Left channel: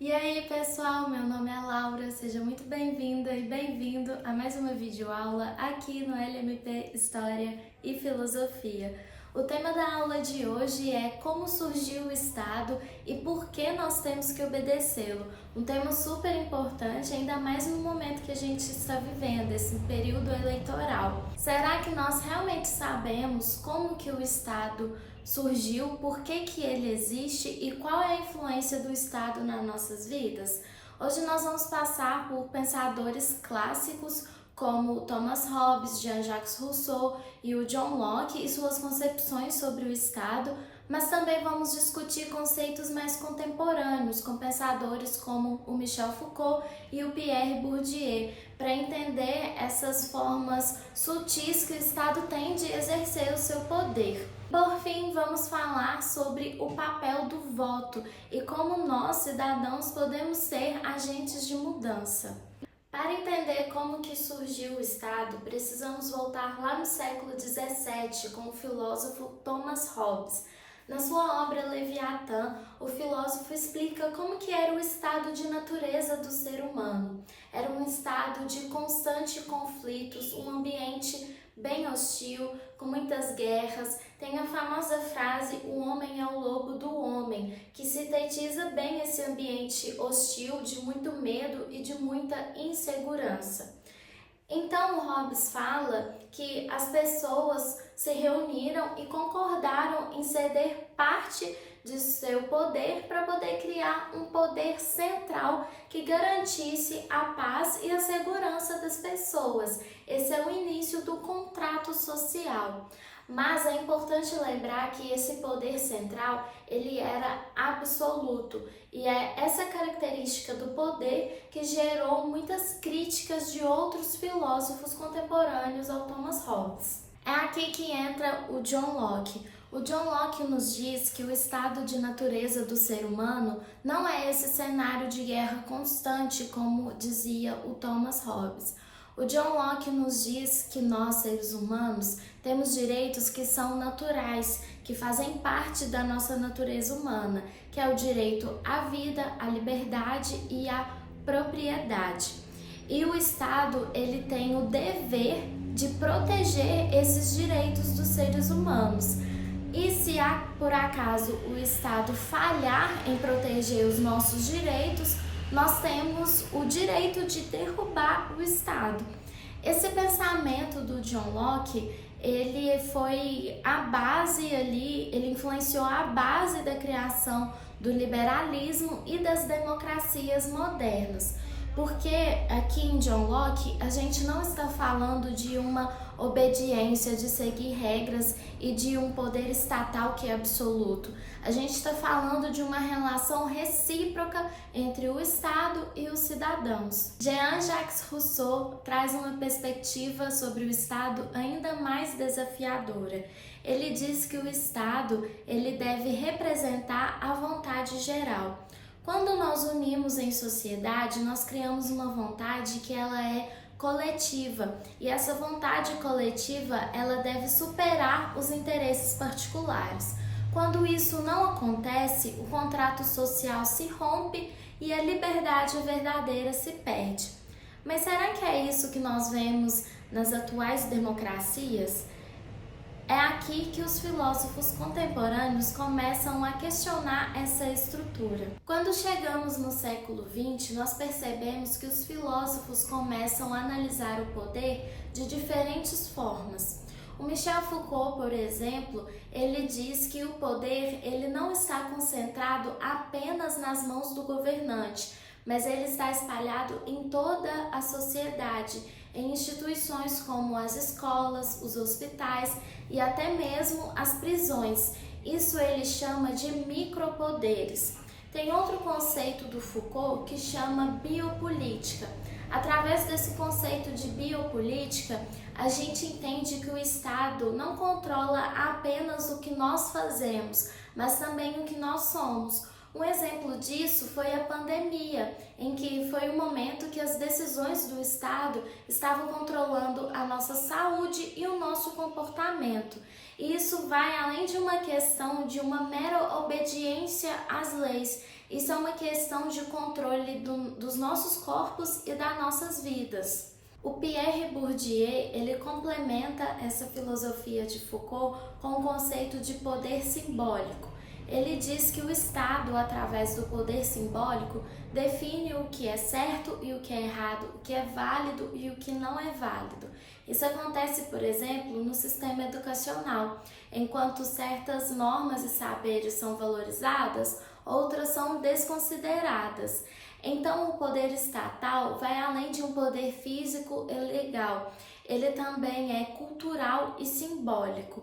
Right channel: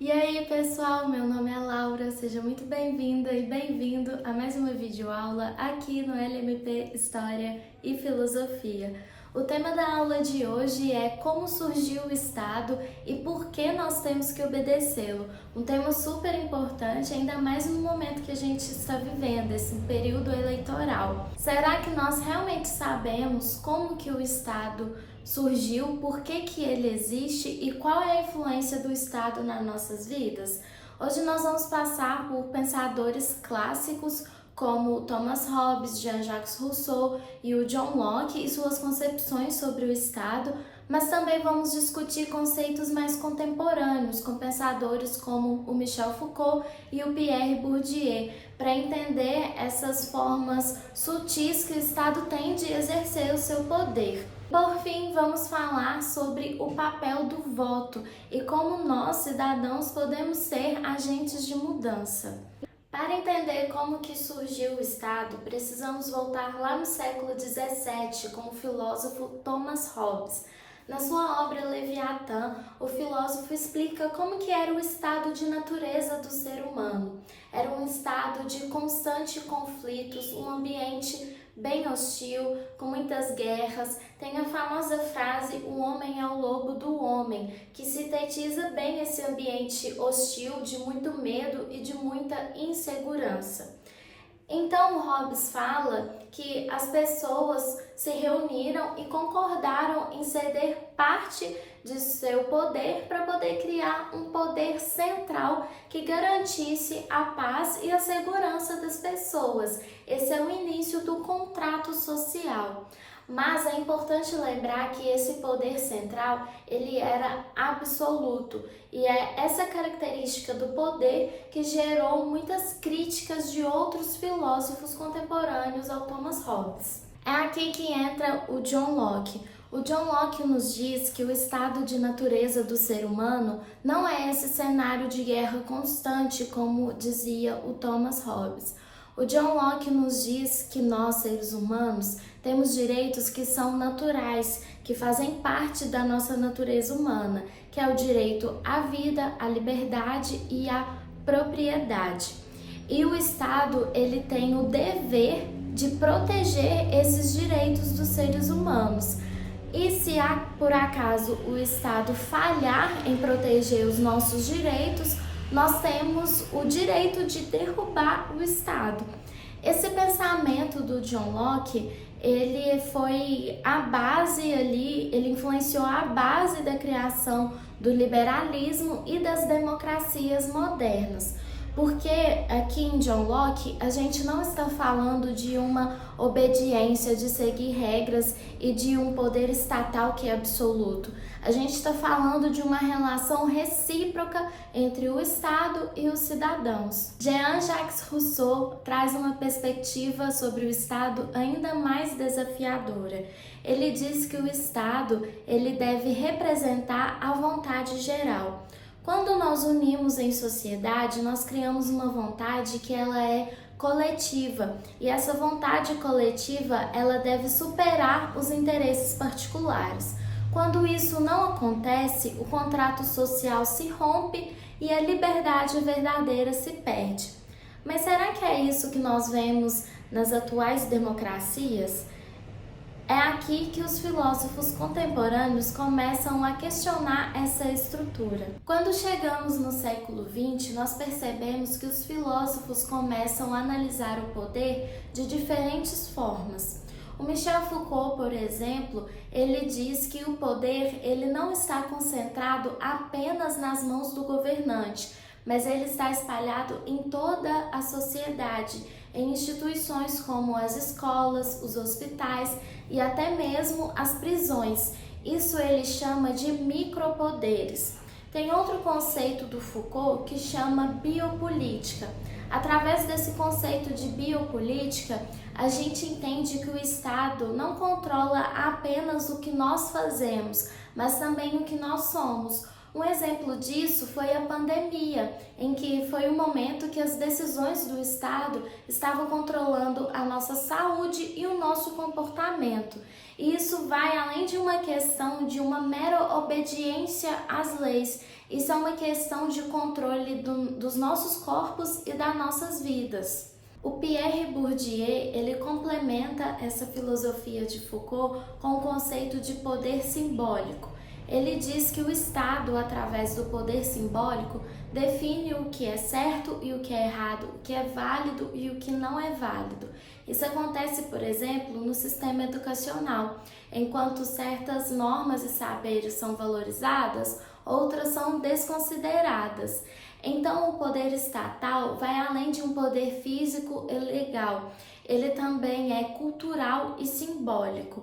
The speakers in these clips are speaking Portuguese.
E aí, pessoal, meu nome é Laura, seja muito bem-vinda e bem-vindo a mais uma videoaula aqui no LMP História e Filosofia. O tema da aula de hoje é como surgiu o Estado e por que nós temos que obedecê-lo. Um tema super importante, ainda mais no momento que a gente está vivendo, esse período eleitoral. Será que nós realmente sabemos como que o Estado surgiu, por que que ele existe e qual é a influência do Estado nas nossas vidas? Hoje nós vamos passar por pensadores clássicos como Thomas Hobbes, Jean-Jacques Rousseau e o John Locke e suas concepções sobre o Estado, mas também vamos discutir conceitos mais contemporâneos com pensadores como o Michel Foucault e o Pierre Bourdieu, para entender essas formas sutis que o Estado tem de exercer o seu poder. Por fim, vamos falar sobre o papel do voto e como nós, cidadãos, podemos ser agentes de mudança. Para entender como que surgiu o Estado, precisamos voltar lá no século XVII com o filósofo Thomas Hobbes. Na sua obra Leviatã, o filósofo explica como que era o estado de natureza do ser humano. Era um estado de constantes conflitos, um ambiente bem hostil, com muitas guerras. Tem a famosa frase, o homem é o lobo do homem, que sintetiza bem esse ambiente hostil, de muito medo e de muita insegurança. Então, Hobbes fala que as pessoas se reuniram e concordaram em ceder parte de seu poder para poder criar um poder central que garantisse a paz e a segurança das pessoas. Esse é o início do contrato social. Mas é importante lembrar que esse poder central, ele era absoluto, e é essa característica do poder que gerou muitas críticas de outros filósofos contemporâneos ao Thomas Hobbes. É aqui que entra o John Locke. O John Locke nos diz que o estado de natureza do ser humano não é esse cenário de guerra constante, como dizia o Thomas Hobbes. O John Locke nos diz que nós, seres humanos, temos direitos que são naturais, que fazem parte da nossa natureza humana, que é o direito à vida, à liberdade e à propriedade. E o Estado, ele tem o dever de proteger esses direitos dos seres humanos. E se por acaso o Estado falhar em proteger os nossos direitos, nós temos o direito de derrubar o Estado. Esse pensamento do John Locke, ele foi a base ali, ele influenciou a base da criação do liberalismo e das democracias modernas. Porque aqui em John Locke a gente não está falando de uma obediência, de seguir regras e de um poder estatal que é absoluto. A gente está falando de uma relação recíproca entre o Estado e os cidadãos. Jean-Jacques Rousseau traz uma perspectiva sobre o Estado ainda mais desafiadora. Ele diz que o Estado ele deve representar a vontade geral. Quando nós unimos em sociedade, nós criamos uma vontade que ela é coletiva, e essa vontade coletiva ela deve superar os interesses particulares. Quando isso não acontece, o contrato social se rompe e a liberdade verdadeira se perde. Mas será que é isso que nós vemos nas atuais democracias? É aqui que os filósofos contemporâneos começam a questionar essa estrutura. Quando chegamos no século XX, nós percebemos que os filósofos começam a analisar o poder de diferentes formas. O Michel Foucault, por exemplo, ele diz que o poder ele não está concentrado apenas nas mãos do governante, mas ele está espalhado em toda a sociedade, em instituições como as escolas, os hospitais e até mesmo as prisões. Isso ele chama de micropoderes. Tem outro conceito do Foucault que chama biopolítica. Através desse conceito de biopolítica, a gente entende que o Estado não controla apenas o que nós fazemos, mas também o que nós somos. Um exemplo disso foi a pandemia, em que foi o momento que as decisões do Estado estavam controlando a nossa saúde e o nosso comportamento. E isso vai além de uma questão de uma mera obediência às leis. Isso é uma questão de controle dos nossos corpos e das nossas vidas. O Pierre Bourdieu, ele complementa essa filosofia de Foucault com o conceito de poder simbólico. Ele diz que o Estado, através do poder simbólico, define o que é certo e o que é errado, o que é válido e o que não é válido. Isso acontece, por exemplo, no sistema educacional. Enquanto certas normas e saberes são valorizadas, outras são desconsideradas. Então, o poder estatal vai além de um poder físico e legal. Ele também é cultural e simbólico.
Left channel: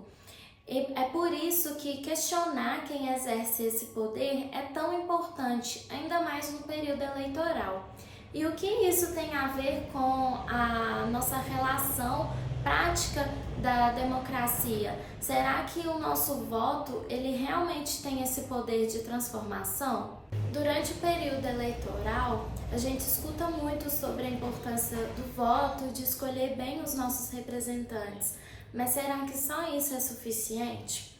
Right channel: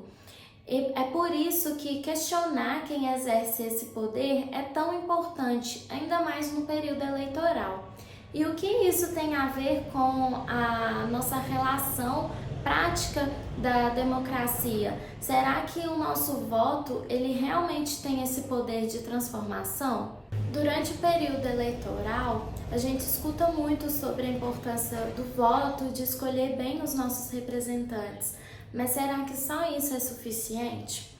E é por isso que questionar quem exerce esse poder é tão importante, ainda mais no período eleitoral. E o que isso tem a ver com a nossa relação prática da democracia? Será que o nosso voto, ele realmente tem esse poder de transformação? Durante o período eleitoral, a gente escuta muito sobre a importância do voto, de escolher bem os nossos representantes. Mas será que só isso é suficiente?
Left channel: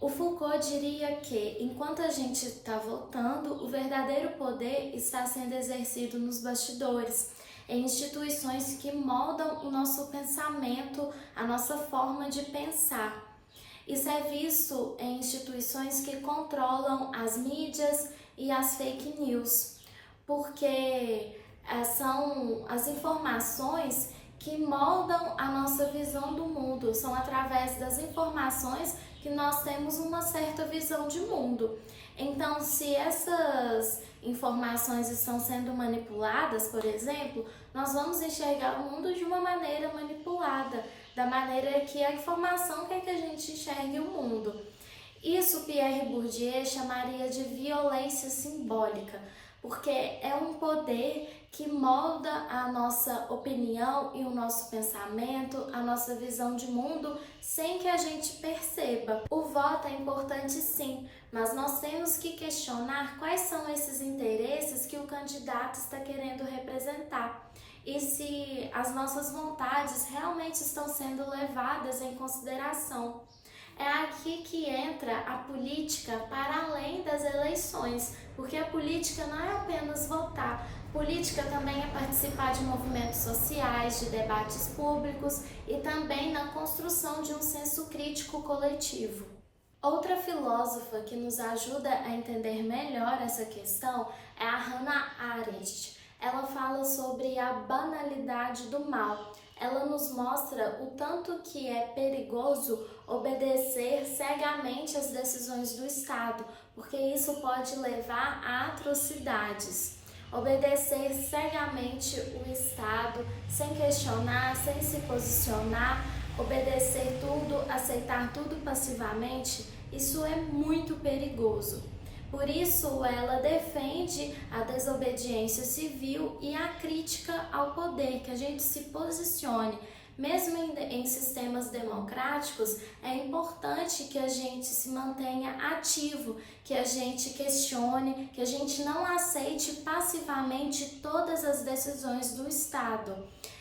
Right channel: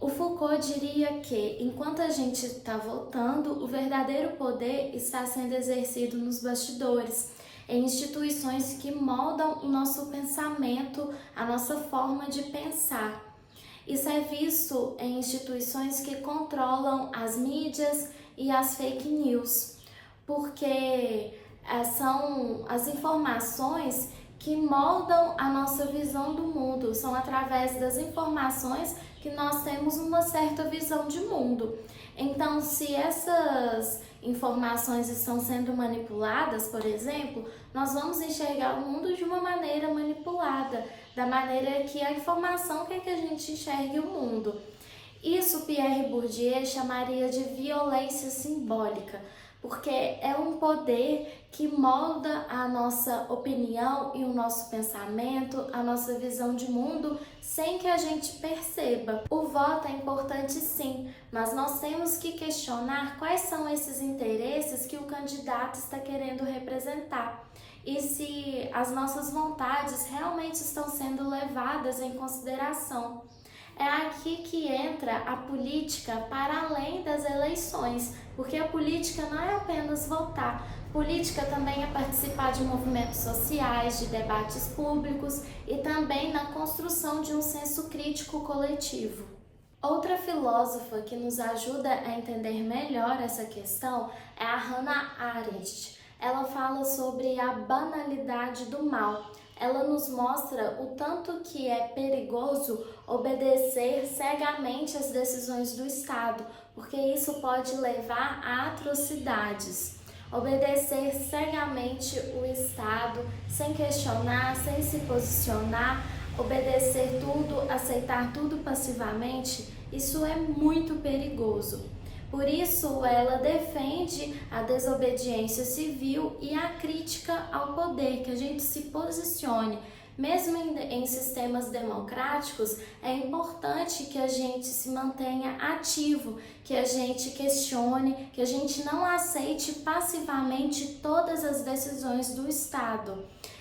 O Foucault diria que, enquanto a gente está votando, o verdadeiro poder está sendo exercido nos bastidores, em instituições que moldam o nosso pensamento, a nossa forma de pensar. Isso é visto em instituições que controlam as mídias e as fake news, porque são as informações que moldam a nossa visão do mundo. São através das informações que nós temos uma certa visão de mundo. Então, se essas informações estão sendo manipuladas, por exemplo, nós vamos enxergar o mundo de uma maneira manipulada, da maneira que a informação quer que a gente enxergue o mundo. Isso Pierre Bourdieu chamaria de violência simbólica, porque é um poder que molda a nossa opinião e o nosso pensamento, a nossa visão de mundo, sem que a gente perceba. O voto é importante sim, mas nós temos que questionar quais são esses interesses que o candidato está querendo representar e se as nossas vontades realmente estão sendo levadas em consideração. É aqui que entra a política para além das eleições, porque a política não é apenas votar. Política também é participar de movimentos sociais, de debates públicos e também na construção de um senso crítico coletivo. Outra filósofa que nos ajuda a entender melhor essa questão é a Hannah Arendt. Ela fala sobre a banalidade do mal. Ela nos mostra o tanto que é perigoso obedecer cegamente às decisões do Estado, porque isso pode levar a atrocidades. Obedecer cegamente o Estado, sem questionar, sem se posicionar, obedecer tudo, aceitar tudo passivamente, isso é muito perigoso. Por isso, ela defende a desobediência civil e a crítica ao poder, que a gente se posicione. Mesmo em sistemas democráticos, é importante que a gente se mantenha ativo, que a gente questione, que a gente não aceite passivamente todas as decisões do Estado.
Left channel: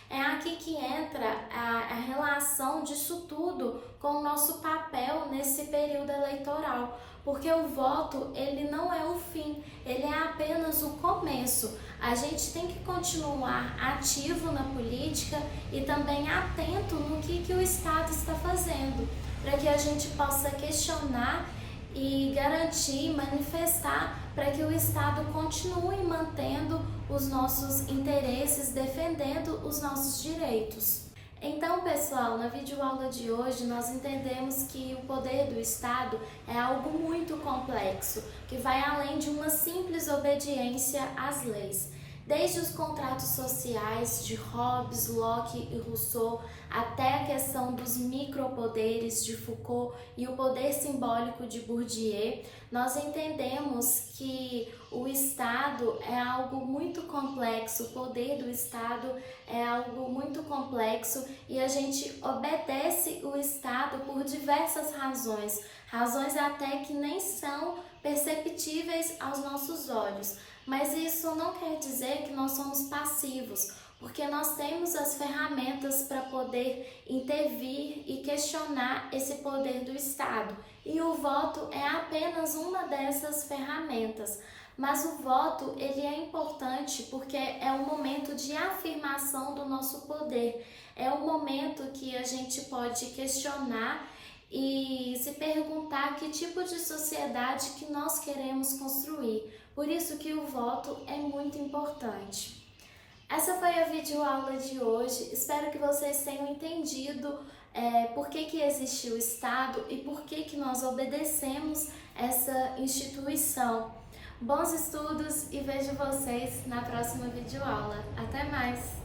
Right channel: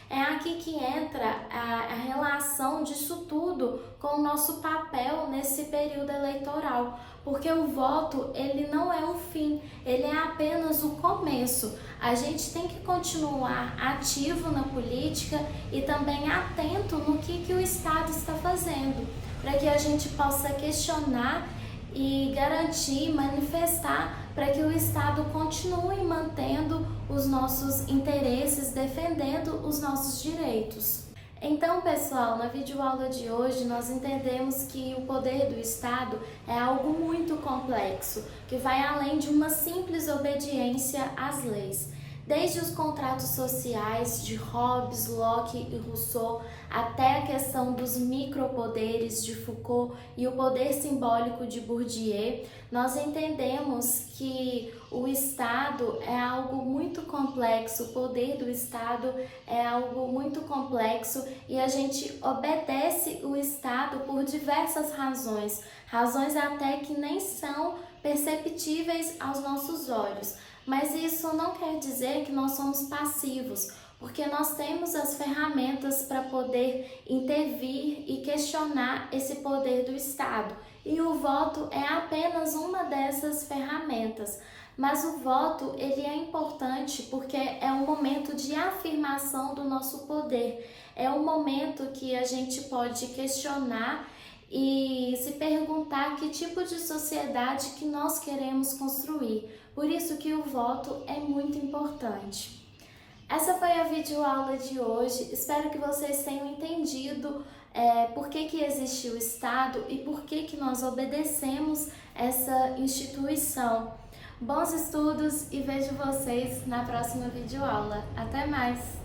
É aqui que entra a relação disso tudo com o nosso papel nesse período eleitoral, porque o voto, ele não é o fim, ele é apenas o começo. A gente tem que continuar ativo na política e também atento no que o Estado está fazendo, para que a gente possa questionar e garantir, manifestar para que o Estado continue mantendo os nossos interesses, defendendo os nossos direitos. Então, pessoal, na videoaula de hoje nós entendemos que o poder do Estado é algo muito complexo, que vai além de uma simples obediência às leis. Desde os contratos sociais de Hobbes, Locke e Rousseau, até a questão dos micropoderes de Foucault e o poder simbólico de Bourdieu, nós entendemos que o Estado é algo muito complexo, o poder do Estado é algo muito complexo e a gente obedece o Estado por diversas razões, razões até que nem são perceptíveis aos nossos olhos. Mas isso não quer dizer que nós somos passivos, porque nós temos as ferramentas para poder intervir e questionar esse poder do Estado. E o voto é apenas uma dessas ferramentas. Mas o voto, ele é importante porque é um momento de afirmação do nosso poder. É um momento que a gente pode questionar e se perguntar que tipo de sociedade que nós queremos construir. Por isso que o voto é muito importante. Essa foi a videoaula de hoje. Espero que vocês tenham entendido por que existe o Estado e por que nós obedecemos essa instituição. Bons estudos e vejo vocês na próxima videoaula. Até mais!